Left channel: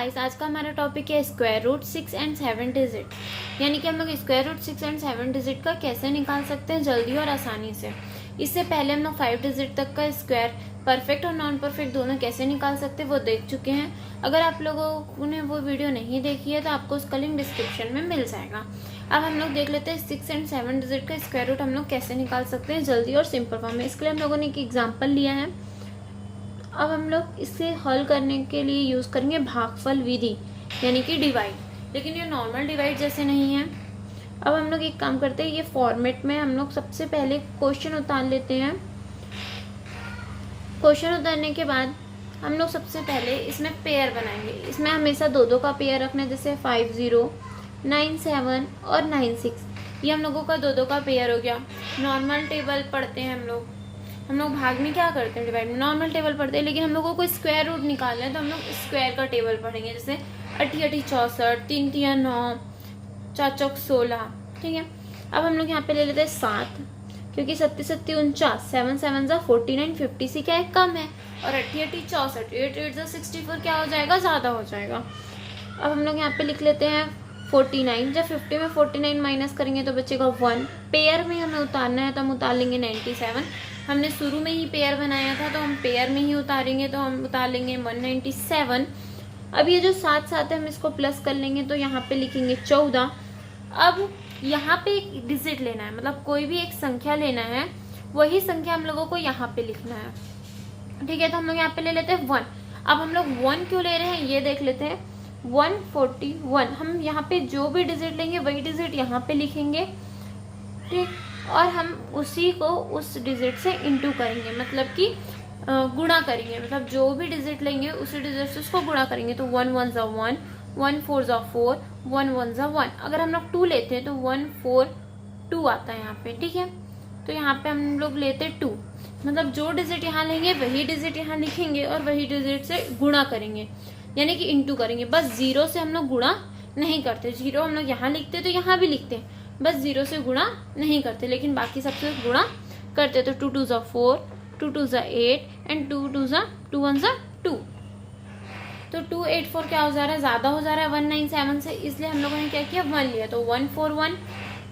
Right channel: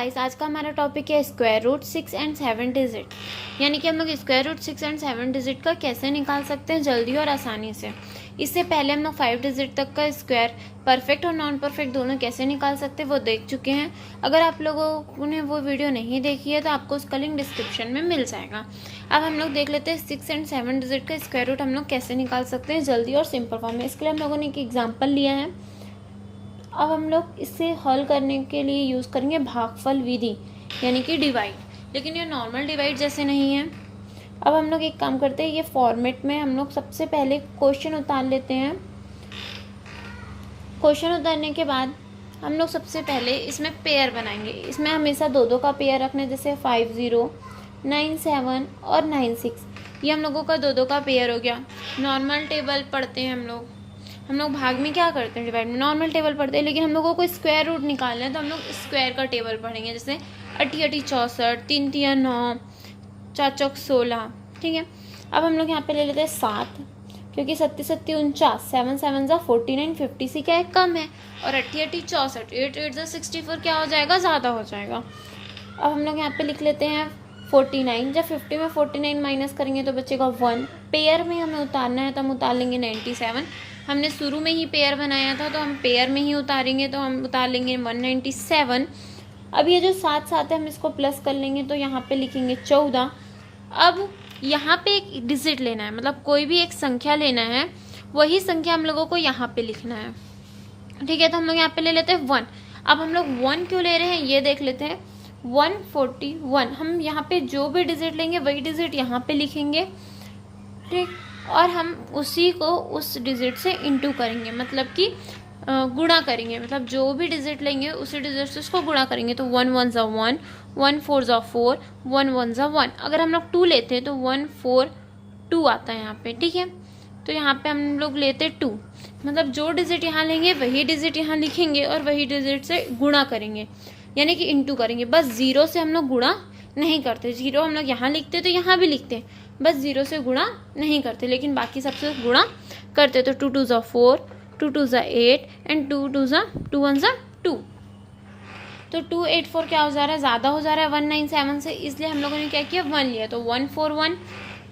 Guys, आज का हमारा टॉपिक है स्क्वायर रूट 6 एंड 7 डिजिट। यानी कि हम लोग स्क्वायर रूट 6 एंड 7 डिजिट का कैसे निकाल सकते हैं जल्दी और आसानी से। इससे पहले हम लोग 5 डिजिट तक का स्क्वायर परफेक्ट और नॉन परफेक्ट दोनों कैसे निकाल सकते हैं वो देख चुके हैं। अगर आप लोगों ने वो वीडियो नहीं देखी है तो आपको उसका लिंक डिस्क्रिप्शन में मिल जाएगा। अब हम लोग देख लेते हैं 6 एंड 7 डिजिट का स्क्वायर रूट हम लोग कैसे निकाल सकते हैं जल्दी और सिंपल फॉर्म में। इसके लिए हम लोगों ने एक एग्जाम्पल लिया है। अब हम लोग इसे हल करने के लिए यूज करेंगे भागफल विधि, यानी कि डिवाइड, लेकिन ये नॉर्मल डिवाइड जैसे नहीं है। अब हम लोग एक काम करते हैं, ये फॉर्मेट में हम लोग सबसे पहले क्वेश्चन उतार लेते हैं। क्वेश्चन उतारने के बाद हम लोग सबसे पहले इसमें पेयर बनाएंगे। इसमें हमेशा दो दो का पेयर रखना है, जैसे 5 0 9 7 और 9 6। ये हम लोगों का दो दो का पेयर हो गया। नॉर्मल टेबल पढ़ते हैं हम लोग भाग में क्या करते हैं, डिवाइड में नॉर्मल टेबल पढ़ते हैं, लेकिन हम लोगों को स्क्वायर रूट निकालना है तो हम लोग स्क्वायर का टेबल पढ़ेंगे। जैसे 8 8 64, 3 3 9, 4 4 16। ठीक है, अब हम लोग यहाँ पे ले लेते हैं 7, क्योंकि 7 7 49, 7 7 49, 50 से क्या है कम है, और 8 8 64, 8 8 64 क्या हो जाएगा, ज़्यादा हो जाएगा। अब हम लोग यहाँ पे लिख लेते हैं 49। जब 50 में 49 माइनस करेंगे तो बचेगा 1। पेयर में हमें उतारना है तो हम उतार लेंगे 97। हमने शुरू में ही पेयर बनाया था तो हम पेयर में ही उतारेंगे, तो हम उतार लेंगे 197। अब ये जो साथ साथ है हम इसको प्लस कर लेंगे तो यहाँ पे लिखेंगे 14। अब यहाँ पे एक डिजिट लेना है, मतलब कोई भी एक संख्या लेना है, वही संख्या हम लोगों को यहाँ पे लिखना है। ठीक है, तो हम लोग यहाँ पे ले लेते हैं 1। अब हम लोग 1 क्यों ले रहे हैं ये देख लेते हैं। 141, हम यहाँ पे जो भी डिजिट लेंगे वही डिजिट यहाँ पे लिखेंगे। ठीक, और हम उसी को उस डिजिट से इंटू करेंगे, मतलब कि गुणा करेंगे। मतलब जो भी डिजिट लेंगे उसी डिजिट से उसको गुणा करेंगे। तो 1 1 ज़ा 1, 1 4 ज़ा 4, 1 1 ज़ा 1। अगर हम लोग 2 लेते हैं तो 1 4 2 आता है यहाँ पे। ठीक है, तो यहाँ पे हम लोग लेते 2, मतलब जो डिजिट यहाँ लेंगे वही डिजिट यहाँ लिखेंगे और वही डिजिट से गुणा करेंगे, यानी कि इंटू करेंगे। बस 0 से हम लोग गुणा नहीं करते। 0 हम लोग यहाँ लिखते तो यहाँ भी लिखते, बस 0 से गुणा नहीं करते, लेकिन बाकी सबसे गुणा करते। तो 2 2 ज़ा 4, 2 2 ज़ा 8 एंड 2 2 ज़ा 2 1 ज़ा 2। तो 284 क्या हो जा रहा है, ज़्यादा हो जा रहा है 197 से, इसलिए हम लोगों ने क्या किया 1 लिया। तो 141,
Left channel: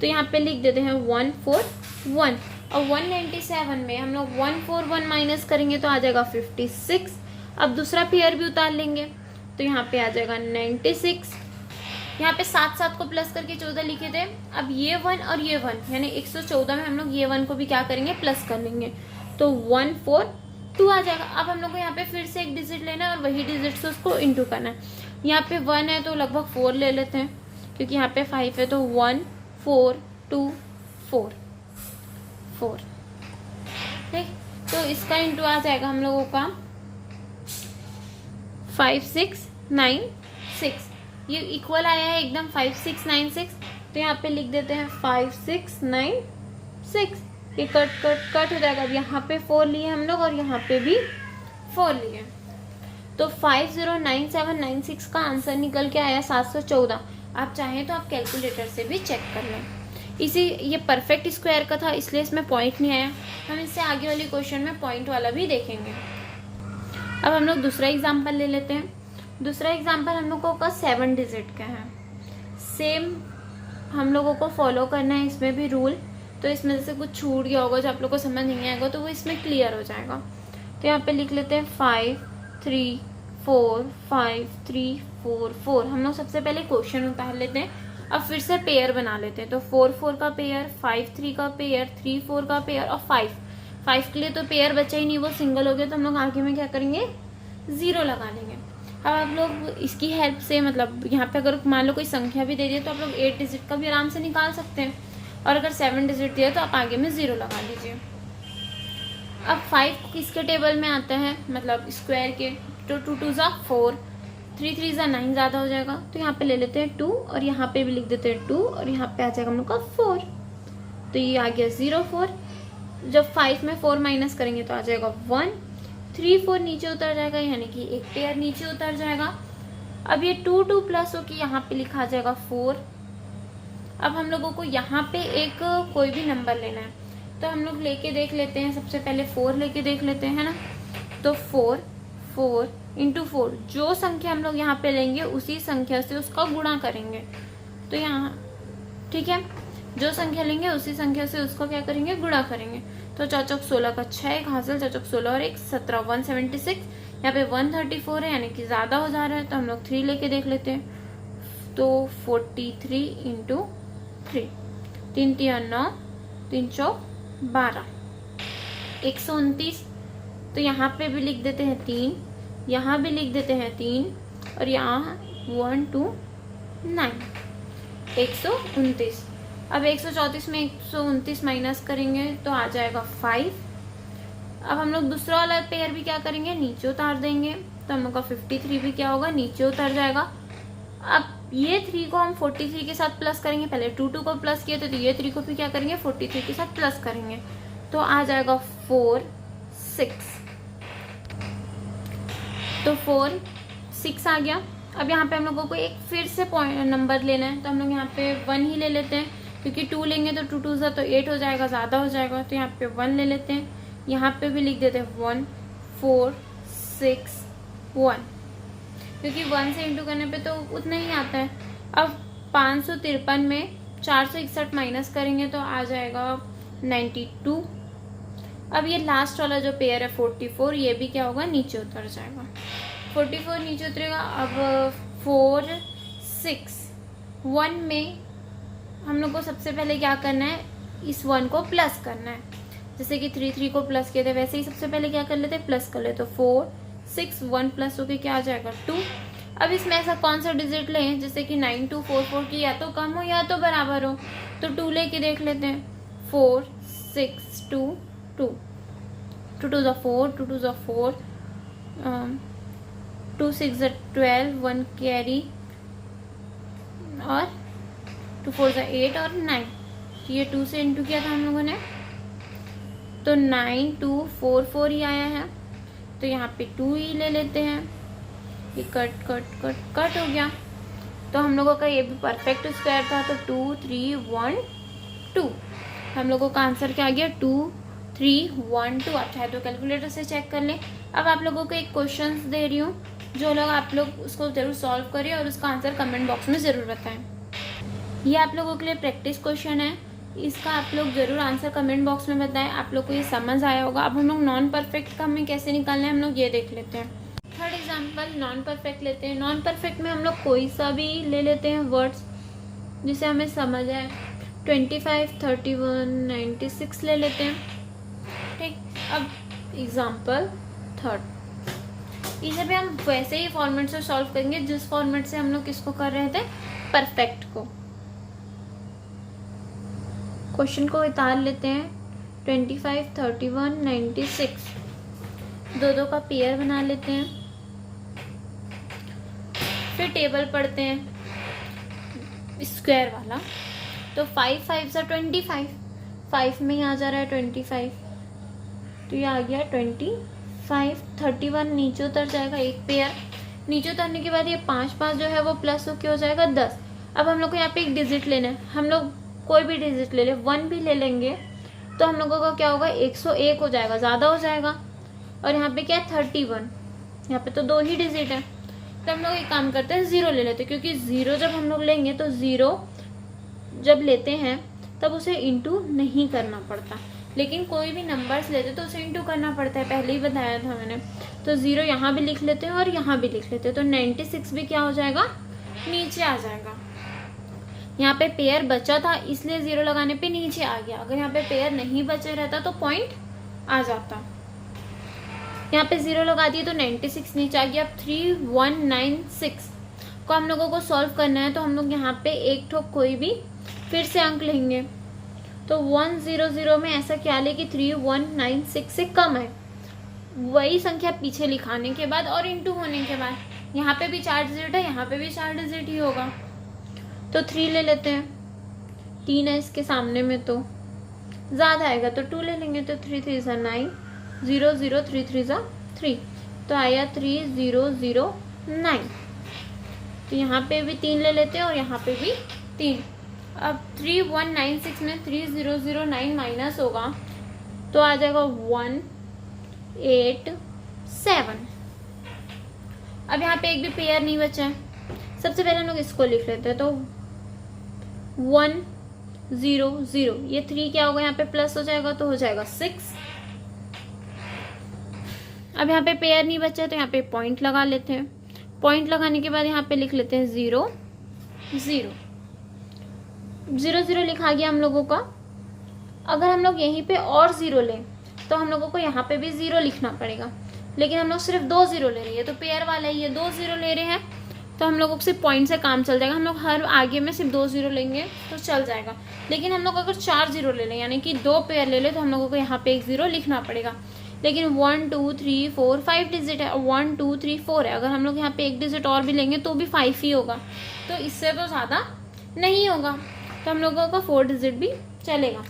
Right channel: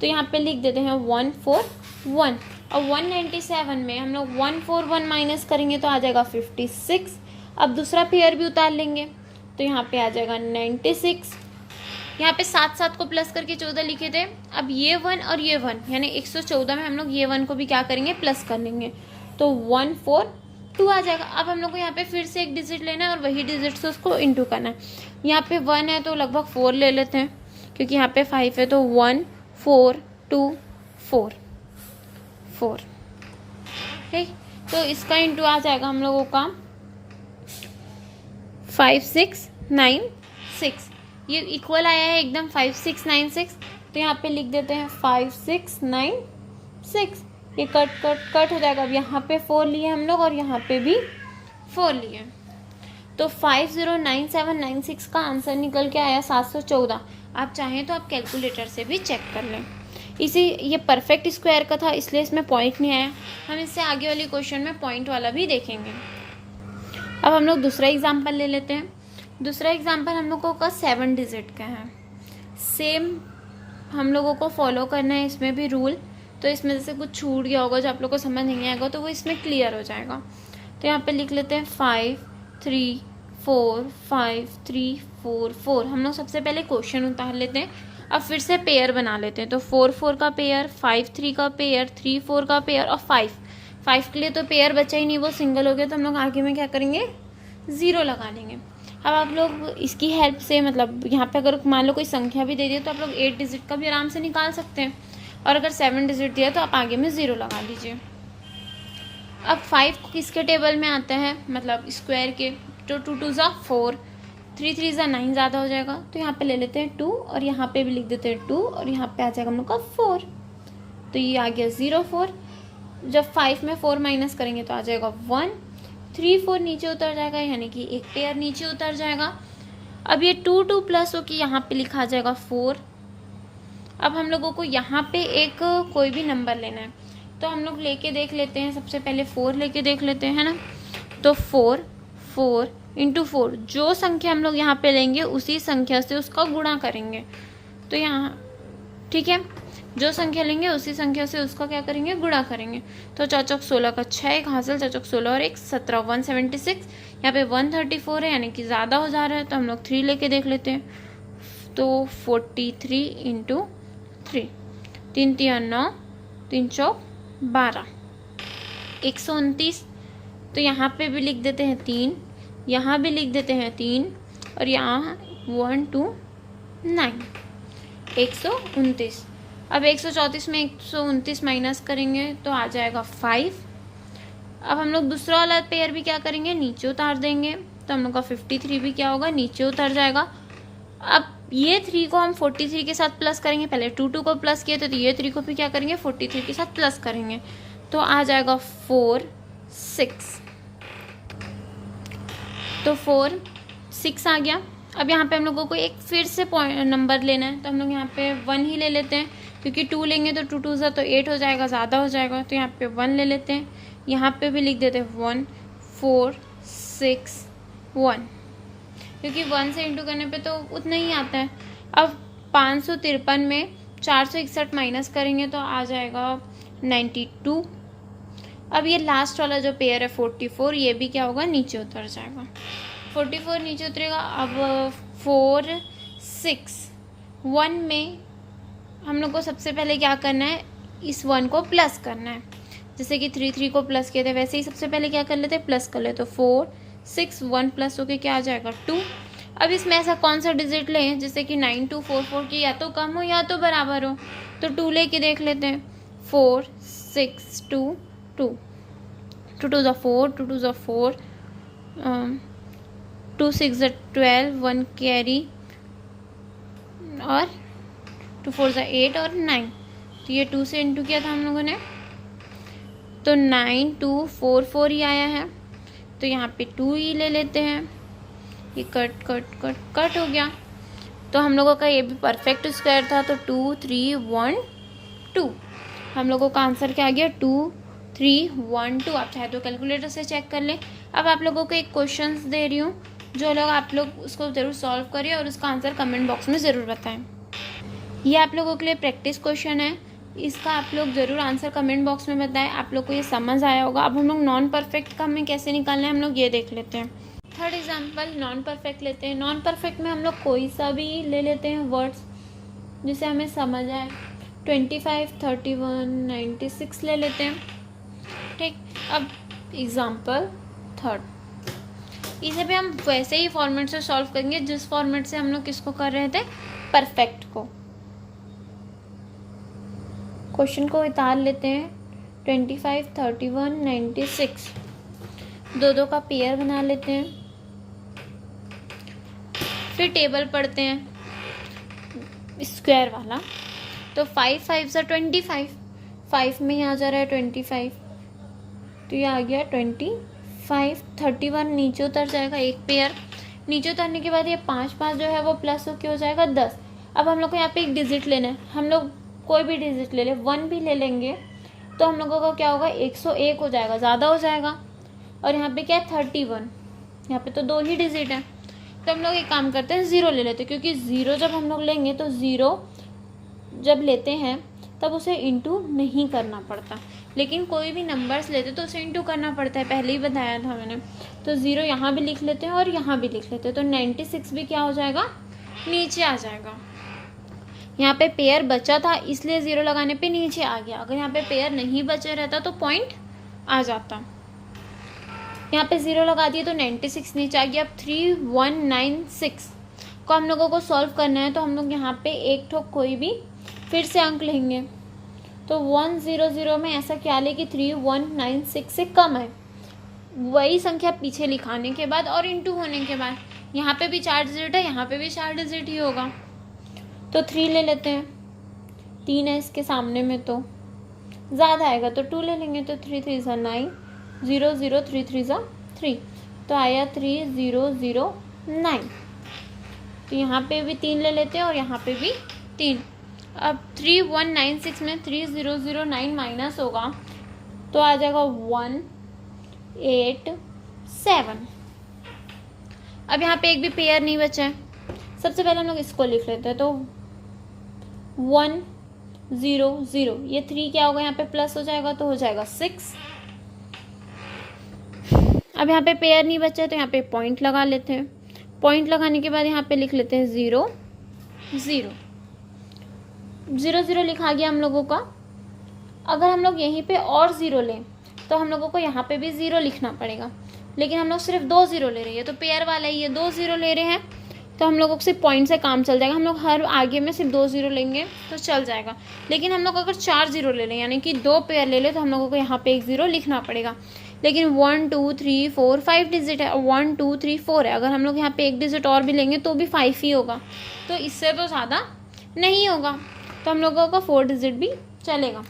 तो यहाँ पे लिख देते हैं 141। और 197 में हम लोग 141 माइनस करेंगे तो आ जाएगा 56। अब दूसरा पेयर भी उतार लेंगे तो यहाँ पे आ जाएगा 96। यहाँ पे 7 7 को प्लस करके 14 लिखे थे। अब ये 1 और ये 1, यानी 114 में हम लोग ये 1 को भी क्या करेंगे, प्लस कर लेंगे। तो 142 आ जाएगा। अब हम लोग को यहाँ पे फिर से एक डिजिट लेना है और वही डिजिट से उसको इंटू करना है। यहाँ पे 1 है तो लगभग 4 ले लेते हैं, क्योंकि यहाँ पे 5 है। तो 1 4 2 4 4। ठीक, तो इसका इंटू आ जाएगा हम लोगों का 5 6 9 6। ये इक्वल आया है एकदम 5 6 9 6। तो यहाँ पे लिख देते हैं 5 6 9 6। ये कट कट कट हो जाएगा। अब यहाँ पे 4 लिए हम लोग और यहाँ पे भी 4 लिए, तो 509796 का आंसर निकल के आया 714। आप चाहें तो आप कैलकुलेटर से भी चेक कर लें। ये परफेक्ट स्क्वायर का था, इसलिए इसमें पॉइंट नहीं आया। हम इससे आगे वाले क्वेश्चन में पॉइंट वाला भी देखेंगे। अब हम लोग दूसरा एग्जाम्पल ले लेते हैं। दूसरा एग्जाम्पल हम लोगों का 7 डिजिट का है। सेम हम लोगों को फॉलो करना है इसमें भी रूल। तो इसमें से कुछ छूट गया होगा जो आप लोग को समझ नहीं आएगा तो वो इसमें क्लियर हो जाएगा। तो यहाँ पे लिख लेते हैं 5 3 4 5 3 4 4। हम लोग सबसे पहले क्वेश्चन उतार लेते हैं, अब फिर से पेयर बना लेते हैं। तो 4 4 का पेयर, 5 3 का पेयर, 3 4 का पेयर और 5 के लिए तो पेयर बचा ही नहीं, वो सिंगल हो गया। तो हम लोग आगे में क्या करेंगे, 0 लगा लेंगे। अब आप लोग इसकी हेल्प से, मतलब यहाँ पे अगर मान लो कोई संख्या भी दे दिए तो आप लोग 8 डिजिट का भी आराम से निकाल सकते हैं, और अगर 7 डिजिट दिया तो आप आगे में 0 लगा लीजिए। अब 5 किसके टेबल में आता है, मतलब स्क्वायर के। तो 2 2 ज़ा 4, 3 3 ज़ा 9, ज़्यादा हो जाएगा। तो यहाँ पे ले लेते हैं 2 और यहाँ पे भी लिख देते हैं 2 और यहाँ पे आ जाएगा हम लोग का 4। तो ये आ गया 0 4। जब 5 में 4 माइनस करेंगे तो आ जाएगा 1। 3 4 नीचे उतर जाएगा, यानी कि एक पेयर नीचे उतर जाएगा। अब ये 2 2 प्लस हो कि यहाँ पे लिखा जाएगा 4। अब हम लोगों को यहाँ पे एक कोई भी नंबर लेना है, तो हम लोग लेके देख लेते हैं। सबसे पहले 4 लेके देख लेते हैं ना। तो 4 4 इंटू 4, जो संख्या हम लोग यहाँ पे लेंगे उसी संख्या से उसका गुणा करेंगे। तो यहाँ ठीक है, जो संख्या लेंगे उसी संख्या से उसको क्या करेंगे, गुणा करेंगे। तो 4 चौक 16 का 6, एक हासिल, 4 चौक 16 और 1 17, 176। यहाँ पे 134 है, यानी कि ज़्यादा हो जा रहा है, तो हम लोग 3 लेके देख लेते हैं। तो 43 इंटू 3, 3 3 9, 3 चौक 12, 129। तो यहाँ पे भी लिख देते हैं 3, यहाँ भी लिख देते हैं 3, और यहाँ 1 2 9, 129। अब 134 में 129 माइनस करेंगे तो आ जाएगा 5। अब हम लोग दूसरा वाला पेयर भी क्या करेंगे, नीचे उतार देंगे, तो हम लोग का 53 भी क्या होगा, नीचे उतर जाएगा। अब ये 3 को हम 43 के साथ प्लस करेंगे, पहले 2 2 को प्लस किए थे, तो ये 3 को भी क्या करेंगे, 43 के साथ प्लस करेंगे, तो आ जाएगा 4 6। तो 4 6 आ गया। अब यहाँ पे हम लोगों को एक फिर से नंबर लेना है, तो हम लोग यहाँ पे 1 ही ले लेते हैं, क्योंकि 2 लेंगे तो 2 2 सा तो 8 हो जाएगा, ज़्यादा हो जाएगा। तो यहाँ पे 1 ले लेते हैं, यहाँ पे भी लिख देते हैं 1 4 6 1, क्योंकि 1 से इंटू करने पे तो उतना ही आता है। अब 553 में 461 माइनस करेंगे तो आ जाएगा 92। अब ये लास्ट वाला जो पेयर है 44, ये भी क्या होगा, नीचे उतर जाएगा। 44 नीचे उतरेगा। अब 4 6 1 में हम लोग को सबसे पहले क्या करना है, इस 1 को प्लस करना है। जैसे कि 3 3 को प्लस किए थे, वैसे ही सबसे पहले क्या कर लेते हैं, प्लस कर लेते। तो 4 6 1 प्लस होके क्या आ जाएगा 2। अब इसमें ऐसा कौन सा डिजिट लें जैसे कि 9244 की या तो कम हो या तो बराबर हो, तो 2 लेके देख लेते हैं। 4 6 2 2, 2 2 4, 2 2 4, 2 6 12, 1 कैरी, और 2 4 8 और 9। तो ये 2 से इंटू किया था हम लोगों ने, तो 9244 ही आया है। तो यहाँ पे 2 ही ले लेते हैं, ये कट कट कट कट हो गया। तो हम लोगों का ये भी परफेक्ट स्क्वायर था, तो 2 3 1 2। हम लोगों का आंसर क्या आ गया, 2 3 1 2। आप चाहे तो कैलकुलेटर से चेक कर लें। अब आप लोगों को एक क्वेश्चंस दे रही हूँ, जो लोग आप लोग उसको ज़रूर सॉल्व करिए और उसका आंसर कमेंट बॉक्स में ज़रूर बताएं। ये आप लोगों के लिए प्रैक्टिस क्वेश्चन है, इसका आप लोग ज़रूर आंसर कमेंट बॉक्स में बताएं। आप लोग को ये समझ आया होगा। अब हम लोग नॉन परफेक्ट का हमें कैसे निकालना है, हम लोग ये देख लेते हैं। थर्ड एग्जाम्पल नॉन परफेक्ट लेते हैं। नॉन परफेक्ट में हम लोग कोई सा भी ले लेते हैं वर्ड्स जिसे हमें समझ आए। 25 31 96 ले लेते हैं, ठीक। अब एग्जाम्पल थर्ड, इसे भी हम वैसे ही फॉर्मेट से सॉल्व करेंगे जिस फॉर्मेट से हम लोग किसको कर रहे थे, परफेक्ट को। क्वेश्चन को उतार लेते हैं। 25 31 96, दो दो का पेयर बना लेते हैं। फिर टेबल पढ़ते हैं स्क्वायर वाला। तो 5 5 सा 25, 5 में ही आ जा रहा है 25, तो ये आ गया 25। 31 नीचे उतर जाएगा, एक पेयर नीचे उतरने के बाद ये 5 5 जो है वो प्लस होके हो जाएगा 10। अब हम लोग को यहाँ पे एक डिजिट लेना है, हम लोग कोई भी डिजिट ले ले, 1 भी ले लेंगे तो हम लोगों का क्या होगा, 101 हो जाएगा, ज़्यादा हो जाएगा। और यहाँ पे क्या है 31, यहाँ पे तो 2 ही डिजिट है। तो हम लोग एक काम करते हैं, 0 ले लेते हैं, क्योंकि 0 जब हम लोग लेंगे तो 0 जब लेते हैं तब उसे इंटू नहीं करना पड़ता, लेकिन कोई भी नंबर्स लेते तो उसे इंटू करना पड़ता है, पहले ही बताया था मैंने। तो 0 यहाँ भी लिख लेते हैं और यहाँ भी लिख लेते हैं, तो 96 भी क्या हो जाएगा, नीचे आ जाएगा। यहाँ पे पेयर बचा था इसलिए 0 लगाने पे नीचे आ गया, अगर यहाँ पे पेयर नहीं बचे रहता तो पॉइंट आ जाता। यहाँ पे 0 लगा दिए तो 96 नीचे आ गया। अब 3196 को हम लोगों को सॉल्व करना है, तो हम लोग यहाँ पे एक ठोक कोई भी फिर से अंक लेंगे। तो 100 में ऐसा क्या ले कि 3196 से कम है, वही संख्या पीछे लिखाने के बाद और इंटू होने के बाद यहाँ पे भी 4 डिजिट है, यहाँ पे भी 4 डिजिट ही होगा। तो 3 ले लेते हैं, 3 है इसके सामने में तो ज़्यादा आएगा, तो 2 ले लेंगे। तो 3 3 सा 9, 0 0 3 3 सा 3, तो आया 3009। तो यहाँ पे भी 3 ले लेते हैं और यहाँ पे भी 3। अब 3196 में 3009 माइनस होगा तो आ जाएगा 187। अब यहाँ पे एक भी पेयर नहीं बचा है। सबसे पहले हम लोग इसको लिख लेते हैं, तो 1 0 0, ये 3 क्या होगा, यहाँ पे प्लस हो जाएगा तो हो जाएगा 6। अब यहाँ पे पेयर नहीं बचा है तो यहाँ पे पॉइंट लगा लेते हैं। पॉइंट लगाने के बाद यहाँ पे लिख लेते हैं 0 0 0 0 लिखा गया हम लोगों का। अगर हम लोग यहीं पे और 0 लें तो हम लोगों को यहाँ पे भी 0 लिखना पड़ेगा, लेकिन हम लोग सिर्फ 2 0 ले रहे हैं, तो पेयर वाला ही है, 2 0 ले रहे हैं तो हम लोगों को सिर्फ पॉइंट से काम चल जाएगा। हम लोग हर आगे में सिर्फ 2 0 लेंगे तो चल जाएगा। लेकिन हम लोग अगर 4 0 ले लें, यानी कि 2 पेयर ले लें, तो हम लोगों को यहाँ पे एक 0 लिखना पड़ेगा। लेकिन 1 2 3 4 5 डिजिट है, 1 2 3 4 है। अगर हम लोग यहाँ पे एक डिजिट और भी लेंगे तो भी 5 ही होगा, तो इससे तो ज़्यादा नहीं होगा, तो हम लोगों का 4 डिजिट भी चलेगा।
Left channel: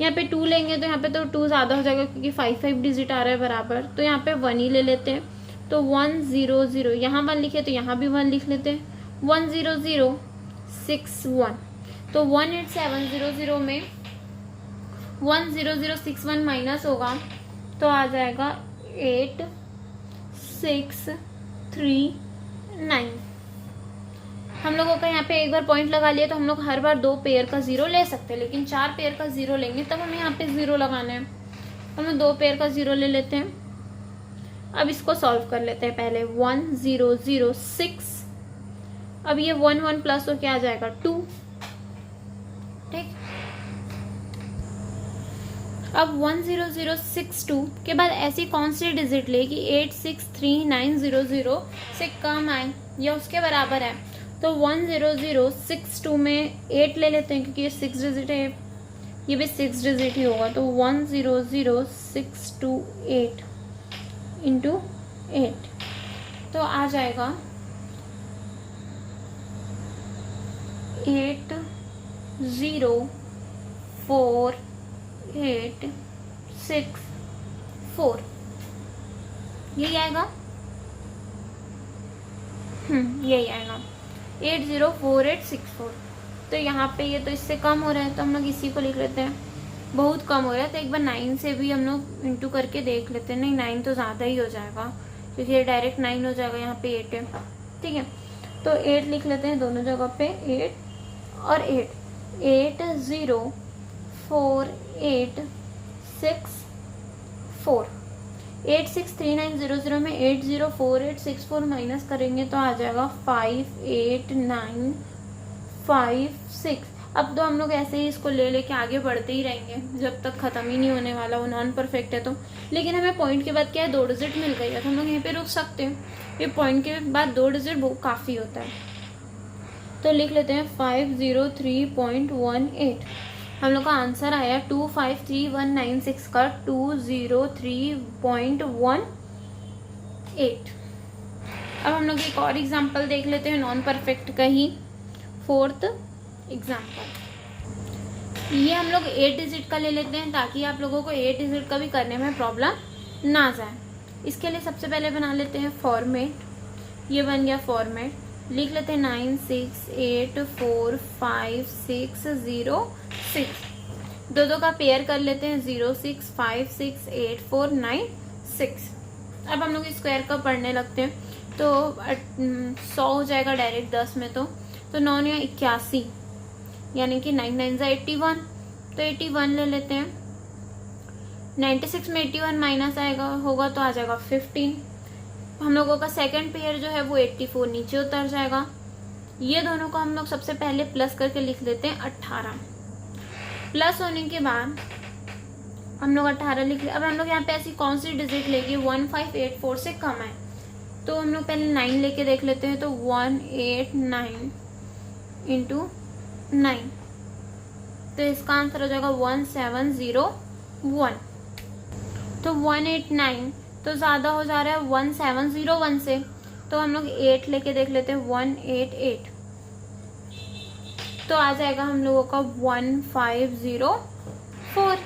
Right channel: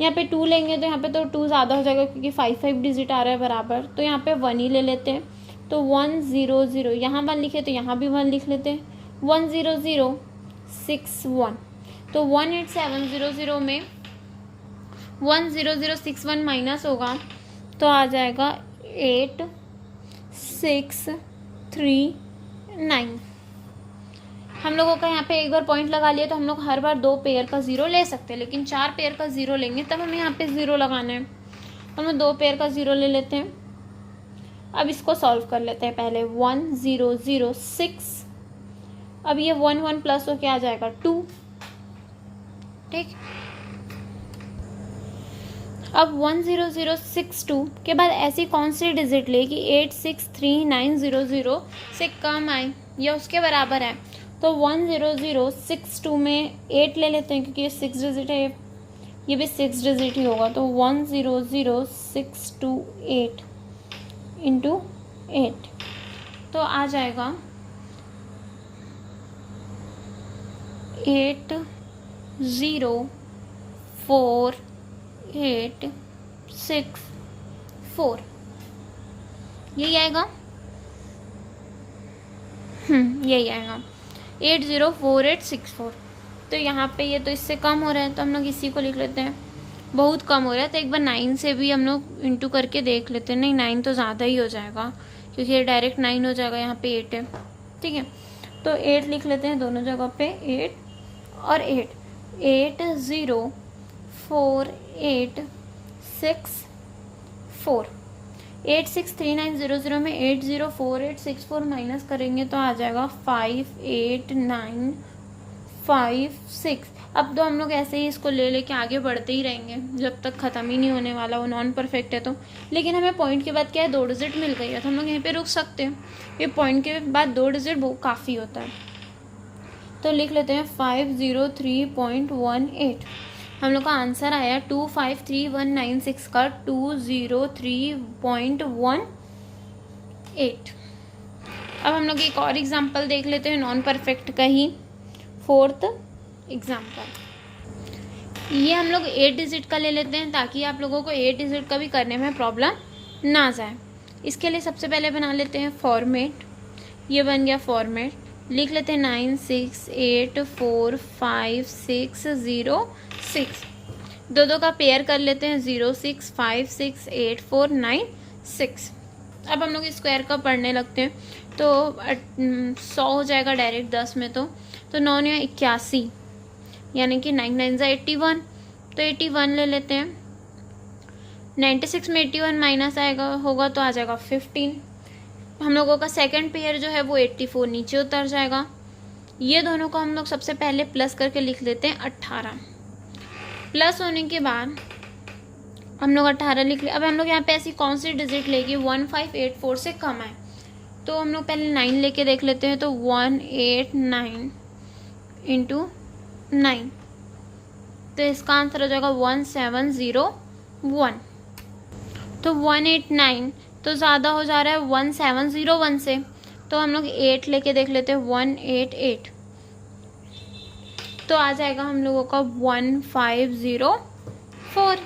यहाँ पे 2 लेंगे तो यहाँ पे तो 2 ज़्यादा हो जाएगा, क्योंकि 5 डिजिट आ रहा है बराबर, तो यहाँ पे 1 ही ले लेते हैं। तो 1 0 0, यहाँ 1 लिखे तो यहाँ भी 1 लिख लेते हैं। 1 0 0 6 1, तो 1 8 7 0 0 में 1 0 0 6 1 माइनस होगा तो आ जाएगा 8 6 3 9। हम लोगों का यहाँ पे एक बार पॉइंट लगा लिया तो हम लोग हर बार 2 पेयर का 0 ले सकते हैं, लेकिन 4 पेयर का 0 लेंगे तब हमें यहाँ पे 0 लगाना है, तो हम 2 पेयर का 0 ले लेते हैं। अब इसको सॉल्व कर लेते हैं। पहले 1 0 0 6, अब ये 1 1 प्लस हो क्या आ जाएगा 2, ठीक। अब 1 0 0 6 2 के बाद ऐसी कौन सी डिजिट ले कि 8 6 3 9 0 0 से कम आए या उसके बराबर है, तो 1 0 0 6 2 में 8 ले लेते हैं, क्योंकि ये 6 डिजिट है, ये भी 6 डिजिट ही होगा। तो 1 0 0 6 2 8 इंटू 8, तो आ जाएगा 8 0 4 8 6 4, यही आएगा। यही आएगा 8 0 4 8 6 4। तो यहाँ पे ये तो इससे कम हो रहा है, तो हम लोग इसी को लिख लेते हैं। बहुत कम हो रहा है तो एक बार 9 से भी हम लोग इंटू करके देख लेते हैं। नहीं, 9 तो ज़्यादा ही हो जाएगा, क्योंकि ये डायरेक्ट 9 हो जाएगा, यहाँ पे 8 है, ठीक है। तो 8 लिख लेते हैं दोनों जगह पे, 8 और 8 8 0 4 8 6 4। 8 6 3 9 0 0 में 8 0 4 8 6 4 माइनस करेंगे तो आ जाएगा 5 8 9 5 6। अब तो हम लोग ऐसे ही इसको ले लेके आगे बढ़ते ही रहेंगे जब तक ख़त्म ही नहीं होने वाला, वो नॉन परफेक्ट है तो। लेकिन हमें पॉइंट के बाद क्या है, 2 डिजिट मिल गई है, तो हम लोग यहीं पे रुक सकते हैं। ये पॉइंट के बाद 2 डिजिट बहुत काफ़ी होता है, तो लिख लेते हैं 503.18। हम लोग का आंसर आया 253196 का 203.18। अब हम लोग एक और एग्जाम्पल देख लेते हैं नॉन परफेक्ट का ही, 4th एग्जाम्पल। ये हम लोग 8 डिजिट का ले लेते हैं, ताकि आप लोगों को 8 डिजिट का भी करने में प्रॉब्लम ना जाए। इसके लिए सबसे पहले बना लेते हैं फॉर्मेट। ये बन गया फॉर्मेट, लिख लेते हैं 9 6 8 4 5 6 0 6। दो का पेयर कर लेते हैं, 0 6 5 6 8 4 9 6। अब हम लोग स्क्वायर का पढ़ने लगते हैं, तो 100 हो जाएगा डायरेक्ट 10 में, तो 9 या 81, यानी कि 9 9 81, तो 81 ले लेते हैं। 96 में 81 माइनस आएगा होगा तो आ जाएगा 15। हम लोगों का सेकंड पेयर जो है वो 84 नीचे उतर जाएगा। ये दोनों को हम लोग सबसे पहले प्लस करके लिख लेते हैं 18। प्लस होने के बाद हम लोग 18 लिख ले। अब हम लोग यहाँ पे ऐसी कौन सी डिजिट लेगी 1584 से कम है, तो हम लोग पहले 9 लेके देख लेते हैं। तो 189 इंटू 9, तो इसका आंसर हो जाएगा 1701। तो 189 तो ज़्यादा हो जा रहा है 1701 से, तो हम लोग 8 लेके देख लेते हैं, 188, तो आ जाएगा हम लोगों का 1504।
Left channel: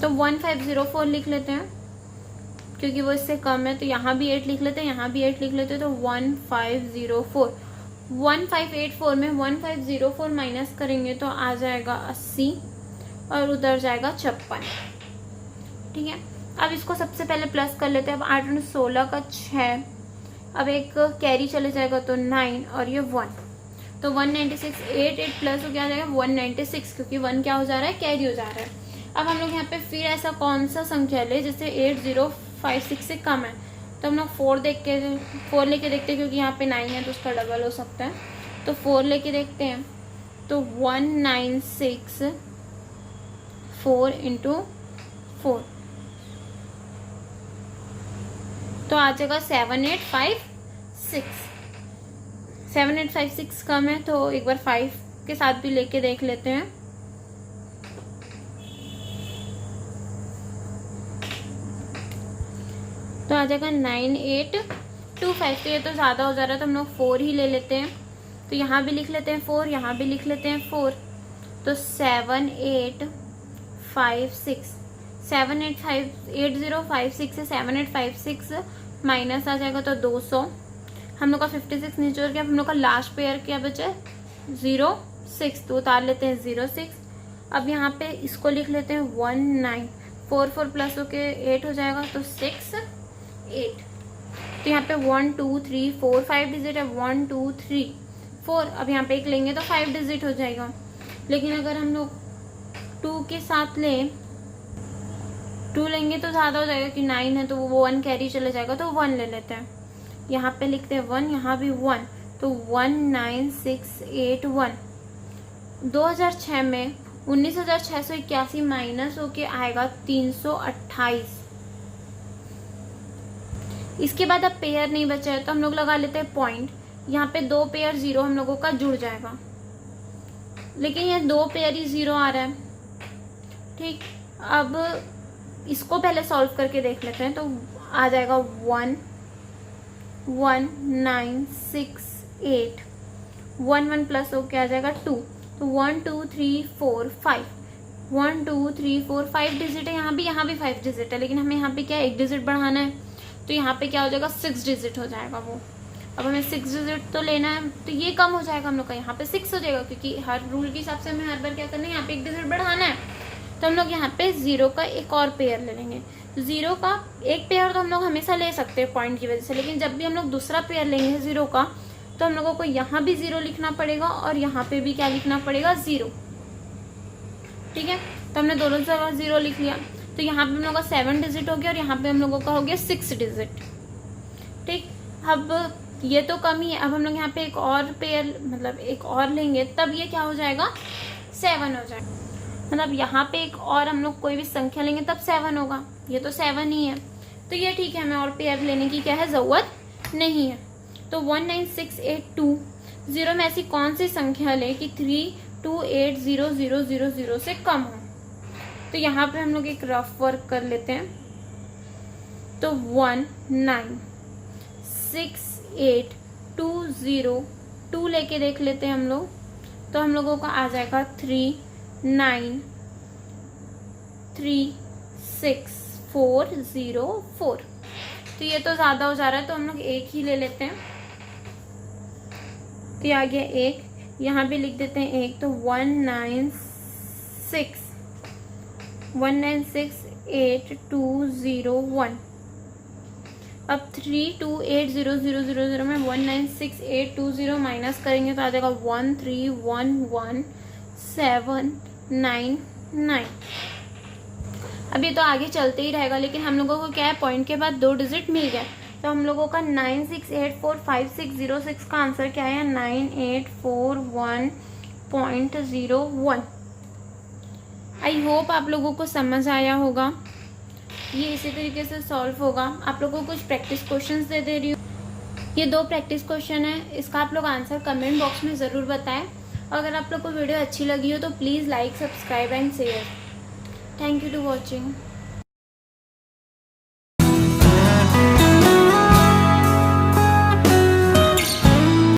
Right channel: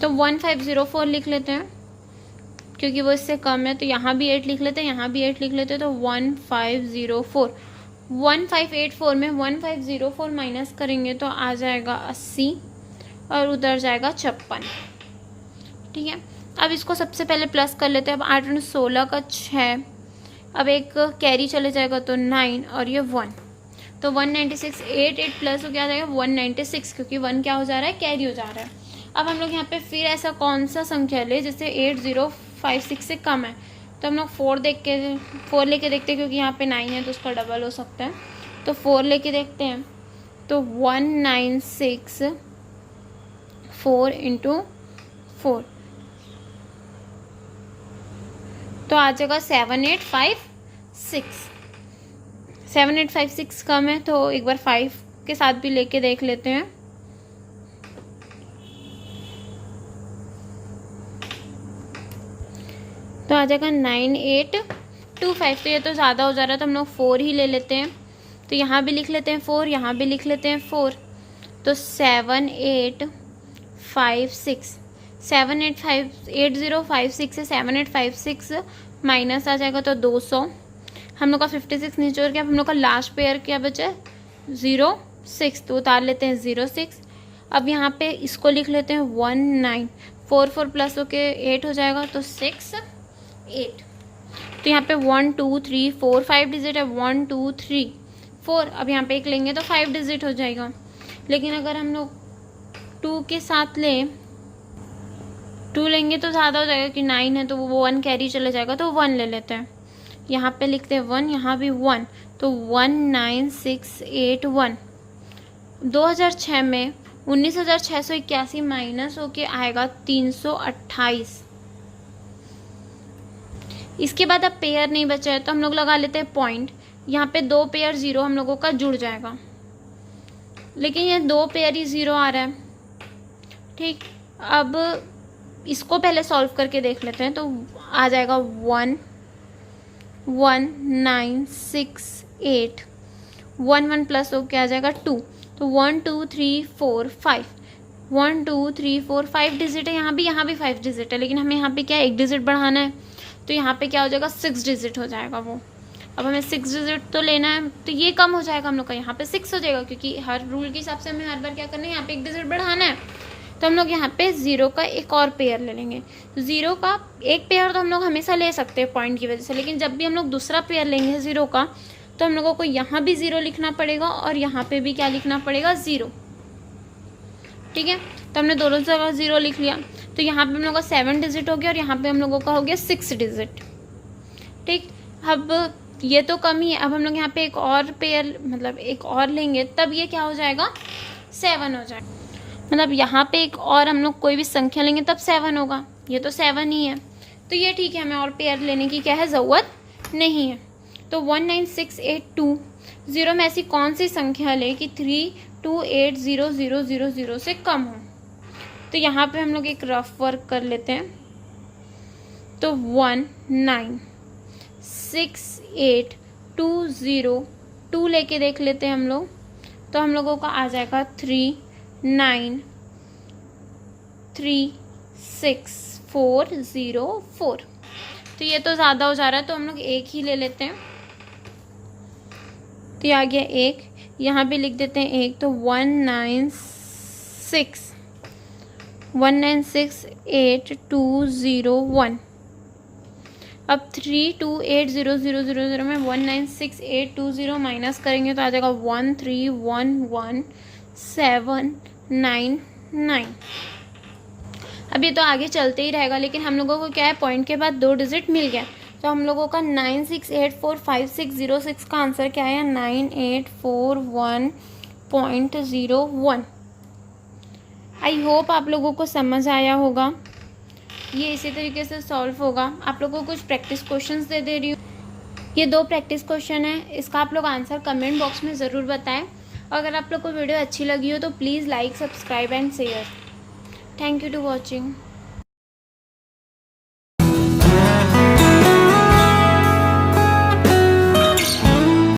तो 1504 लिख लेते हैं, क्योंकि वो इससे कम है, तो यहाँ भी 8 लिख लेते हैं, यहाँ भी 8 लिख लेते हैं, तो 1504। 1584 में 1504 माइनस करेंगे तो आ जाएगा 80 और उधर जाएगा 56, ठीक है। अब इसको सबसे पहले प्लस कर लेते हैं। अब 8 और 16 का 6, अब एक कैरी चले जाएगा तो 9 और ये 1, तो 196, 8 प्लस हो क्या जाएगा 196, क्योंकि 1 क्या हो जा रहा है, कैरी हो जा रहा है। अब हम लोग यहाँ पे फिर ऐसा कौन सा संख्या ले जिससे 8056 से कम है, तो हम लोग 4 लेके देखते हैं, क्योंकि यहाँ पे 9 है तो उसका डबल हो सकता है, तो 4 लेके देखते हैं। तो 196 4 × 4 तो आ जाएगा 7856। 7856 कम है तो एक बार 5 के साथ भी लेके देख लेते हैं। तो आ जाएगा 9825। तो ये तो ज़्यादा हो जा रहा है तो हम लोग 4 ही ले लेते हैं। तो यहाँ भी लिख लेते हैं 4, यहाँ भी लिख लेते हैं 4। तो 7856 8056 से 7856 माइनस आ जाएगा तो 200। हम लोग का 56 नीचे और क्या, हम लोग का लास्ट पेयर क्या बचा है 06, तो उतार लेते हैं 06। अब यहाँ पे इसको लिख लेते हैं 19, 4 प्लस होके 8 हो जाएगा तो 6 8। तो यहाँ पे 1 2 3 4 5 डिजिट है, 1 2 3 4। अब यहाँ पे एक लेंगे तो 5 डिजिट हो जाएगा। लेकिन अगर हम लोग 2 के साथ लें, 2 लेंगे तो ज़्यादा हो जाएगा कि 9 है तो वो 1 कैरी चले जाएगा, तो 1 ले लेते हैं। यहाँ पे लिखते हैं 1, यहाँ भी 1, तो 19681। 2006 में 19,681 माइनस होके आएगा 328। इसके बाद अब पेयर नहीं बचा है तो हम लोग लगा लेते हैं पॉइंट। यहाँ पे 2 पेयर 0 हम लोगों का जुड़ जाएगा, लेकिन ये 2 पेयर ही 0 आ रहा है। ठीक, अब इसको पहले सॉल्व करके देख लेते हैं। तो आ जाएगा 19681, 1 प्लस हो क्या आ जाएगा 2, तो 1 2 3 4 5, 1 2 3 4 5 डिजिट है। यहाँ भी 5 डिजिट है, लेकिन हमें यहाँ पे क्या एक डिजिट बढ़ाना है, तो यहाँ पे क्या हो जाएगा 6 डिजिट हो जाएगा वो। अब हमें 6 डिजिट तो लेना है, तो ये कम हो जाएगा हम लोग का, यहाँ पे 6 हो जाएगा, क्योंकि हर रूल के हिसाब से हमें हर बार क्या करना है, यहाँ पे एक डिजिट बढ़ाना है। तो हम लोग यहाँ पे 0 का एक और पेयर ले लेंगे। 0 का एक पेयर तो हम लोग हमेशा ले सकते हैं पॉइंट की वजह से, लेकिन जब भी हम लोग दूसरा पेयर लेंगे 0 का, तो हम लोगों को यहाँ भी 0 लिखना पड़ेगा और यहाँ पे भी क्या लिखना पड़ेगा 0। ठीक है, तो हमने दोनों जगह 0 लिख लिया। तो यहाँ पे हम लोग का 7 डिजिट हो गया और यहाँ पे हम लोगों का हो गया 6 डिजिट। ठीक, अब ये तो कम ही है। अब हम लोग यहाँ पे एक और पेयर मतलब एक और लेंगे, तब ये क्या हो जाएगा 7 हो जाएगा। मतलब यहाँ पे एक और हम लोग कोई भी संख्या लेंगे तब 7 होगा, ये तो 7 ही है, तो ये ठीक है, हमें और पेयर लेने की क्या है ज़रूरत नहीं है। तो 19682 0 में ऐसी कौन सी संख्या ले कि 328000 से कम हो। तो यहाँ पे हम लोग एक रफ वर्क कर लेते हैं। तो 1968202 लेके देख लेते हैं हम लोग, तो हम लोगों का आ जाएगा 3936404। तो ये तो ज़्यादा हो जा रहा है, तो हम लोग एक ही ले लेते हैं। तो ये आ गया 1, यहाँ भी लिख देते हैं 1, तो 1968201। अब 328000 में 19682 माइनस करेंगे तो आ जाएगा 1311799। अब ये तो आगे चलते ही रहेगा, लेकिन हम लोगों को क्या है पॉइंट के बाद 2 डिजिट मिल गया, तो हम लोगों का 96845606 का आंसर क्या है 9841.01। आई होप आप लोगों को समझ आया होगा। ये इसी तरीके से सॉल्व होगा। आप लोगों को कुछ प्रैक्टिस क्वेश्चंस दे रही हूँ, ये 2 प्रैक्टिस क्वेश्चन है, इसका आप लोग आंसर कमेंट बॉक्स में ज़रूर बताएं। अगर आप लोग को वीडियो अच्छी लगी हो तो please like, subscribe and share. Thank you to watching.